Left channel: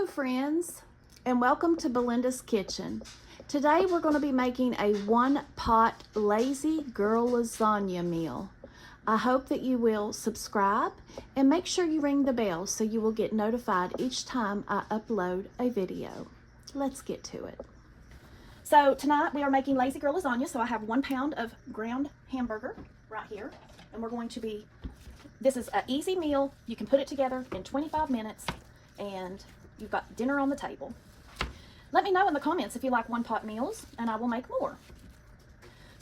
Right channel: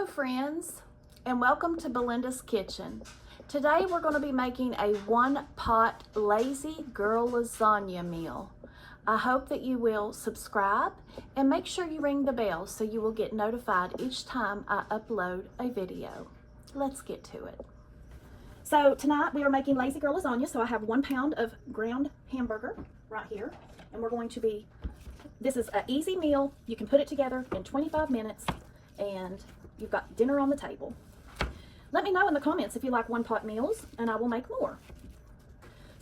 Hello friends, and welcome to Belinda's Kitchen. Today we're going to be making a one-pot lazy girl lasagna meal. I hope that you will subscribe and make sure you ring the bell so you will get notified each time I upload a video. Let's get to it. So tonight we are making lazy girl lasagna. So I have 1 pound of ground hamburger right here, and we're going to be, this is an easy meal. You can put it together in 25 minutes and you've got dinner on the table. Let me know in the comments if you like one-pot meals, and I will make more.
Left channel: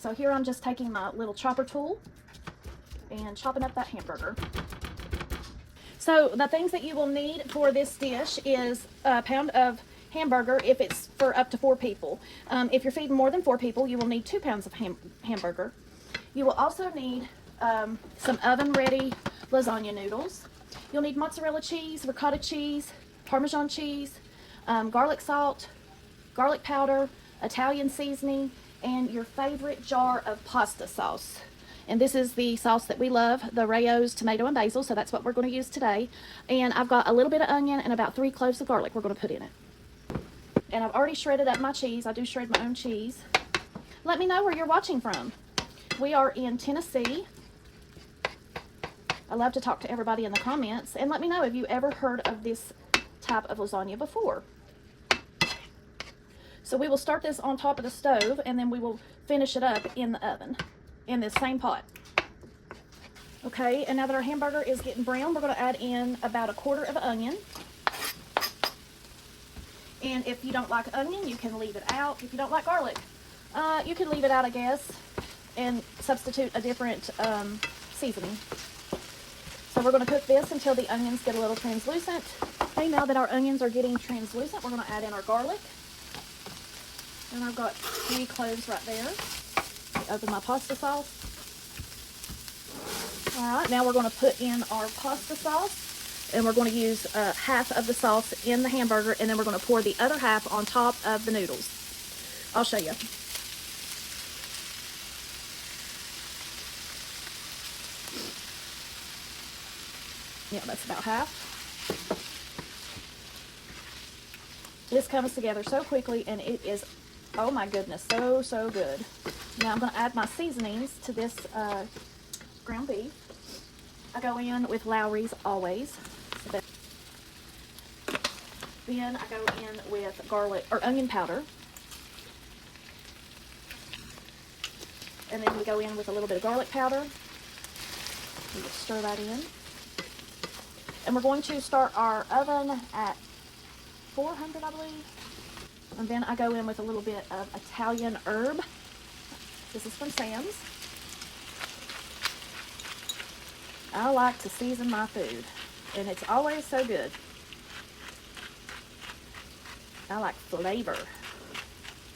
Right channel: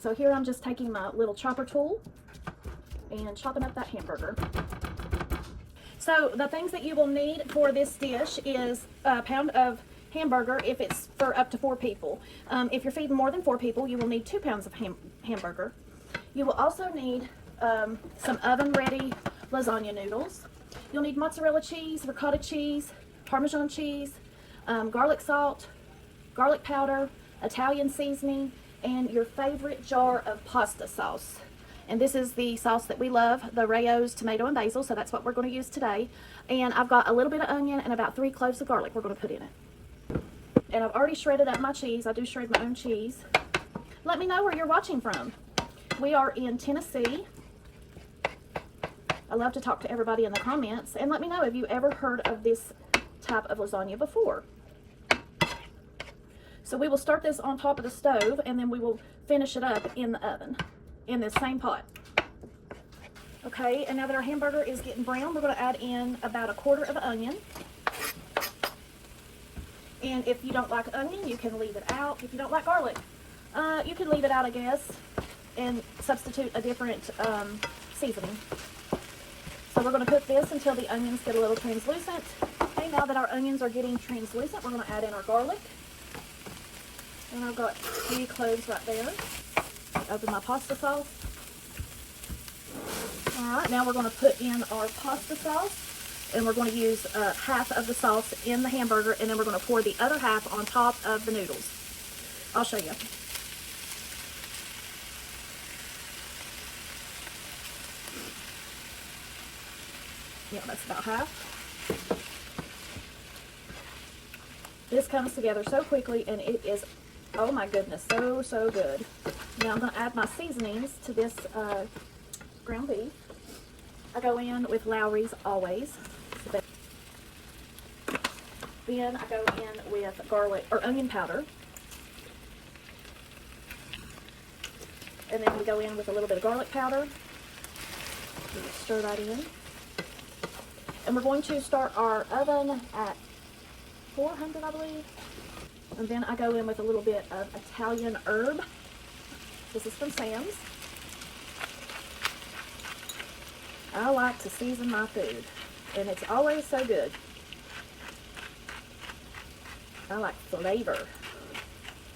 So here I'm just taking my little chopper tool and chopping up that hamburger. So the things that you will need for this dish is a pound of hamburger if it's for up to 4 people. If you're feeding more than 4 people, you will need 2 pounds of hamburger. You will also need some oven-ready lasagna noodles. You'll need mozzarella cheese, ricotta cheese, Parmesan cheese, garlic salt, garlic powder, Italian seasoning, and your favorite jar of pasta sauce. And this is the sauce that we love, the Rayo's tomato and basil, so that's what we're going to use today. And I've got a little bit of onion and about 3 cloves of garlic we're going to put in it. And I've already shredded up my cheese. I do shred my own cheese. Let me know where you're watching from. We are in Tennessee. I love to talk to everybody in the comments, and let me know if you ever heard of this type of lasagna before. So we will start this on top of the stove, and then we will finish it up in the oven in this same pot. Okay, and now that our hamburger is getting brown, we're going to add in about 1/4 of an onion. And if you don't like onion, you can leave it out. If you don't like garlic, you can leave it out, I guess, and substitute a different seasoning. So we're going to cook this until the onions get a little translucent. Okay, now that our onions are getting translucent, we're going to add in our garlic. And I've got 3 cloves right there. Open my pasta sauce. Alright, now we're going to put in our pasta sauce. And we're going to use half of the sauce in the hamburger, and then we're going to pour the other half on top of the noodles. I'll show you. Yeah, that's about half. This comes together so quickly, and it is, oh my goodness, so good. Now I'm going to add my seasonings to this ground beef. I go in with Lowry's always. Then I go in with garlic or onion powder. And then we go in with a little bit of garlic powder. We just stir that in. And we're going to start our oven at 400, I believe. And then I go in with a little bit of Italian herb. This is from Sam's. I like to season my food, and it's always so good. I like flavor.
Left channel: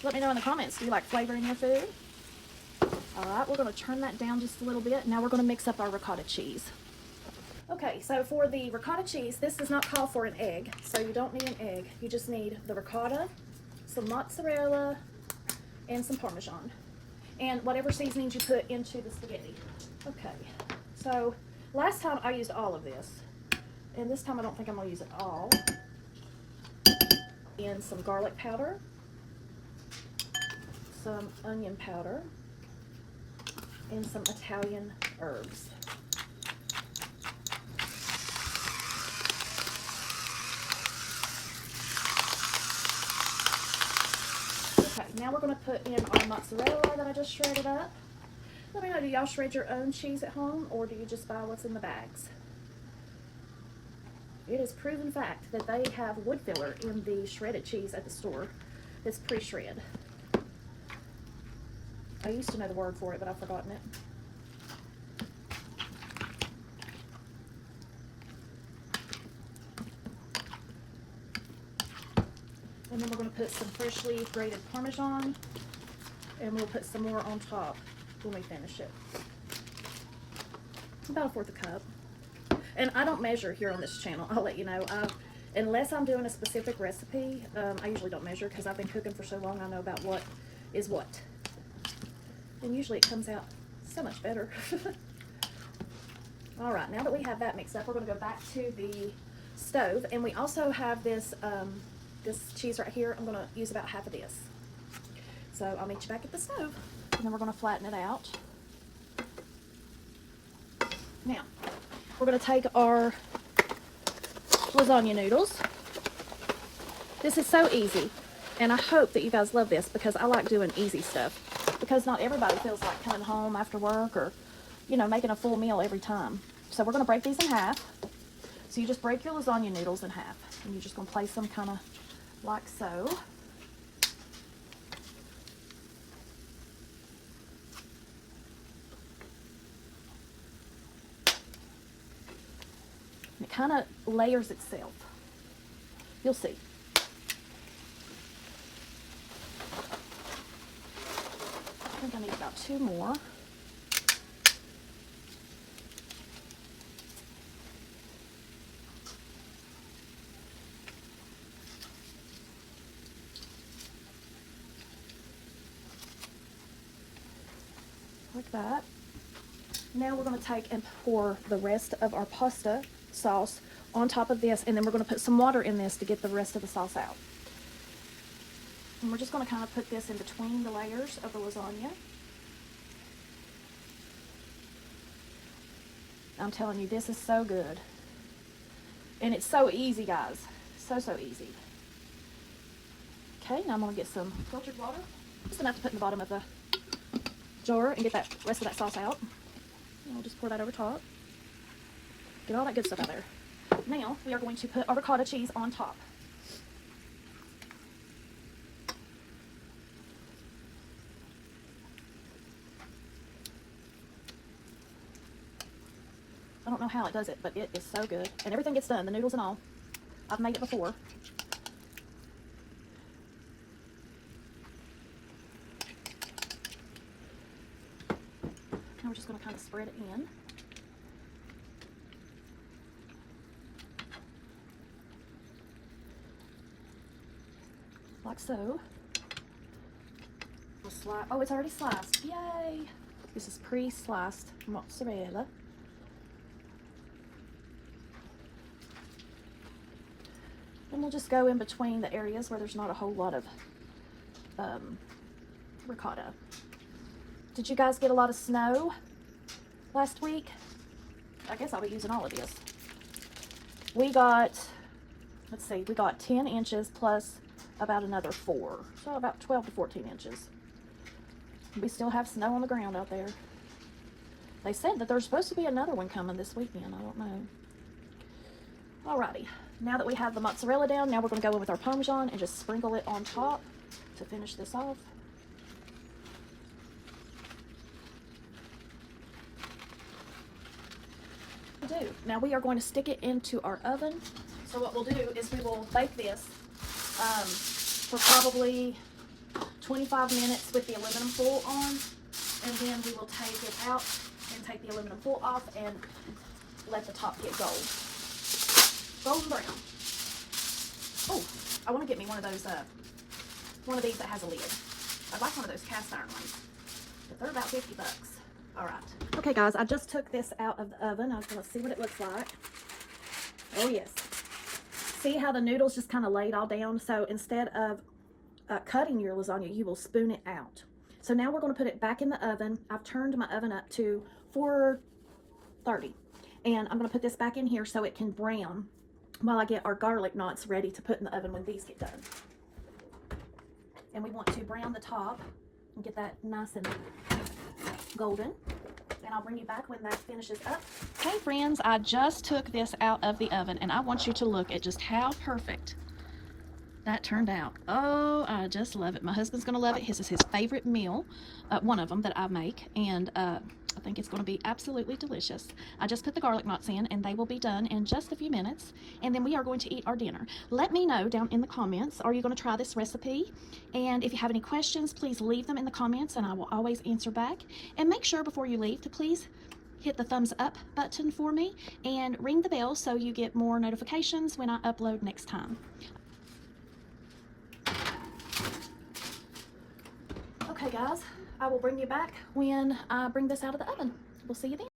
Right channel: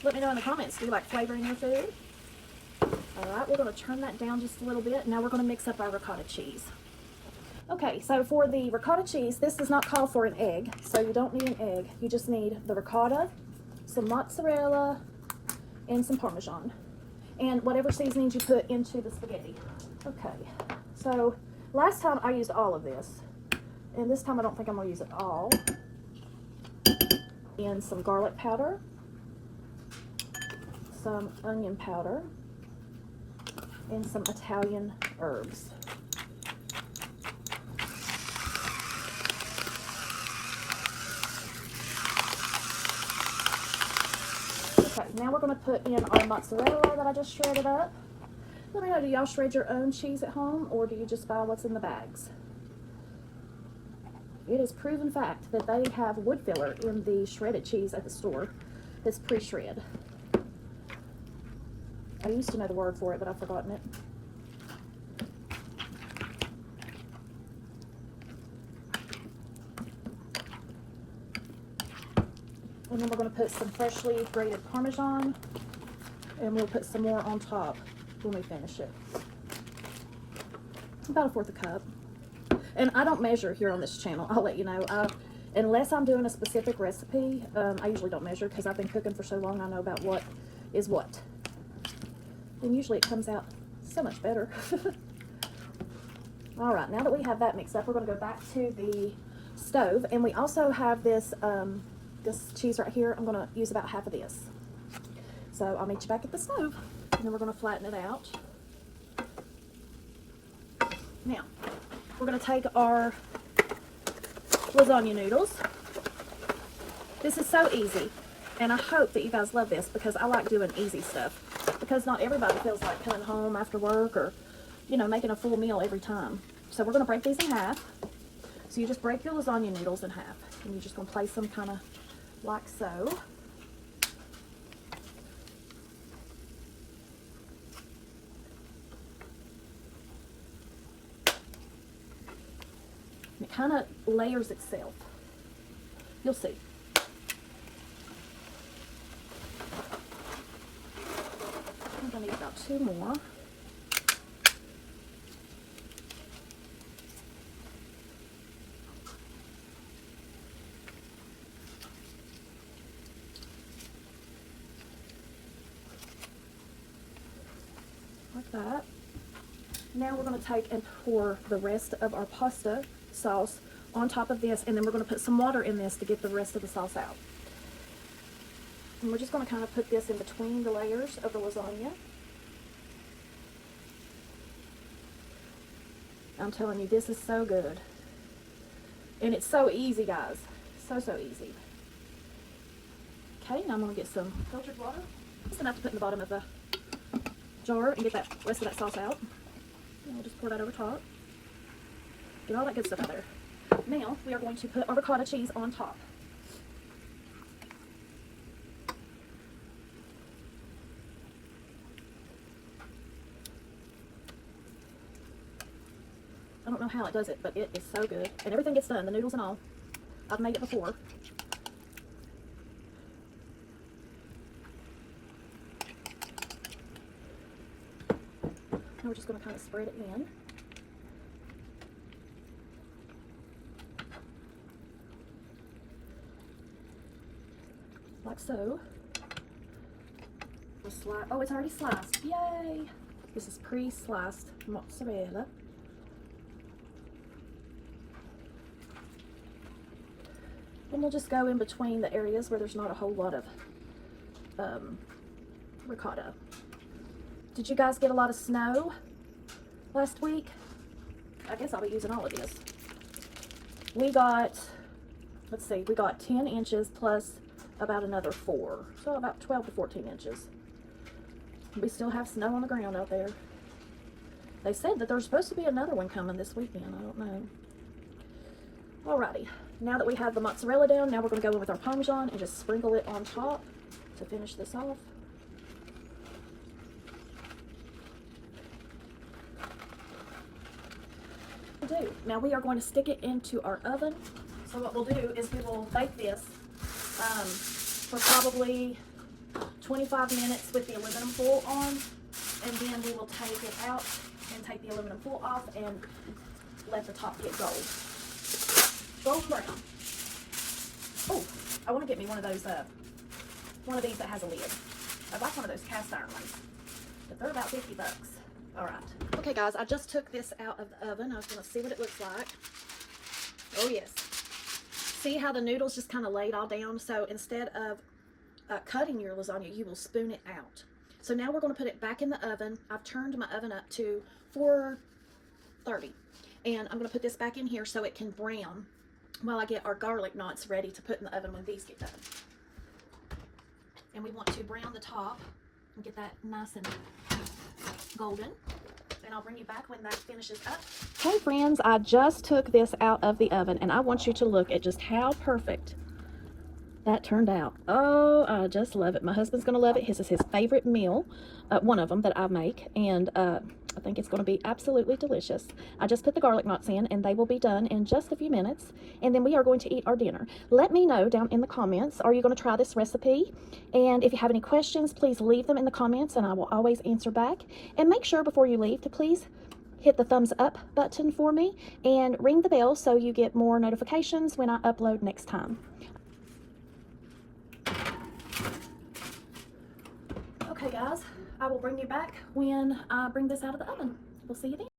Let me know in the comments, do you like flavor in your food? Alright, we're going to turn that down just a little bit. Now we're going to mix up our ricotta cheese. Okay, so for the ricotta cheese, this does not call for an egg, so you don't need an egg. You just need the ricotta, some mozzarella, and some Parmesan, and whatever seasonings you put into the spaghetti. Okay, so last time I used all of this, and this time I don't think I'm going to use it all. And some garlic powder, some onion powder, and some Italian herbs. Okay, now we're going to put in our mozzarella that I just shredded up. Let me know, do y'all shred your own cheese at home, or do you just buy what's in the bags? It is proven fact that they have wood filler in the shredded cheese at the store that's pre-shred. I used to know the word for it, but I've forgotten it. And then we're going to put some freshly grated Parmesan, and we'll put some more on top when we finish it. About 1/4 cup. And I don't measure here on this channel, I'll let you know. Unless I'm doing a specific recipe, I usually don't measure because I've been cooking for so long, I know about what is what. And usually it comes out so much better. All right, now that we have that mixed up, we're going to go back to the stove. And we also have this this cheese right here. I'm going to use about half of this. So I'll meet you back at the stove, and then we're going to flatten it out. Now, we're going to take our lasagna noodles. This is so easy, and I hope that you guys love this because I like doing easy stuff, because not everybody feels like coming home after work or, you know, making a full meal every time. So we're going to break these in half. So you just break your lasagna noodles in half, and you're just going to place them kind of like so. It kind of layers itself. You'll see. I think I need about 2 more. Like that. Now we're going to take and pour the rest of our pasta sauce on top of this, and then we're going to put some water in this to get the rest of the sauce out. And we're just going to kind of put this in between the layers of the lasagna. I'm telling you, this is so good. And it's so easy, guys. So easy. Okay, now I'm going to get some filtered water. Just enough to put in the bottom of the jar and get that rest of that sauce out. And we'll just pour that over top. Get all that good stuff out there. Now we are going to put our ricotta cheese on top. I don't know how it does it, but it is so good. And everything gets done, the noodles and all. I've made it before. Now we're just going to kind of spread it in. Like so. Oh, it's already sliced. Yay! This is pre-sliced mozzarella. And we'll just go in between the areas where there's not a whole lot of ricotta. Did you guys get a lot of snow last week? I guess I'll be using all of this. We got, let's see, we got 10 inches plus about another 4. So about 12 to 14 inches. We still have snow on the ground out there. They said that there's supposed to be another one coming this weekend. I don't know. Alrighty. Now that we have the mozzarella down, now we're going to go in with our Parmesan and just sprinkle it on top to finish this off. Now we are going to stick it into our oven. So what we'll do is we will bake this for probably 25 minutes with the aluminum foil on, and then we will take it out and take the aluminum foil off and let the top get golden brown. Oh, I want to get me one of those, one of these that has a lid. I'd like one of those cast iron ones, but they're about 50 bucks. All right. Okay, guys, I just took this out of the oven. I was going to see what it looks like. Oh, yes. See how the noodles just kind of laid all down? So instead of cutting your lasagna, you will spoon it out. So now we're going to put it back in the oven. I've turned my oven up to 430. And I'm going to put this back in here so it can brown while I get our garlic knots ready to put in the oven when these get done. And we want to brown the top and get that nice and golden. And I'll bring you back when that finishes up. Hey friends, I just took this out of the oven, and I want you to look at just how perfect that turned out. Oh, I just love it. My husband's gonna love it. This is his favorite meal, one of them that I make, and I think it's gonna be absolutely delicious. I just put the garlic knots in, and they will be done in just a few minutes, and then we are going to eat our dinner. Let me know down in the comments, are you gonna try this recipe? And if you have any questions, please leave them in the comments, and I will always answer back. And make sure before you leave to please hit the thumbs up button for me and ring the bell so you get more notifications when I upload next time. Okay guys, I will bring you back when I bring this out of the oven. We'll see you then.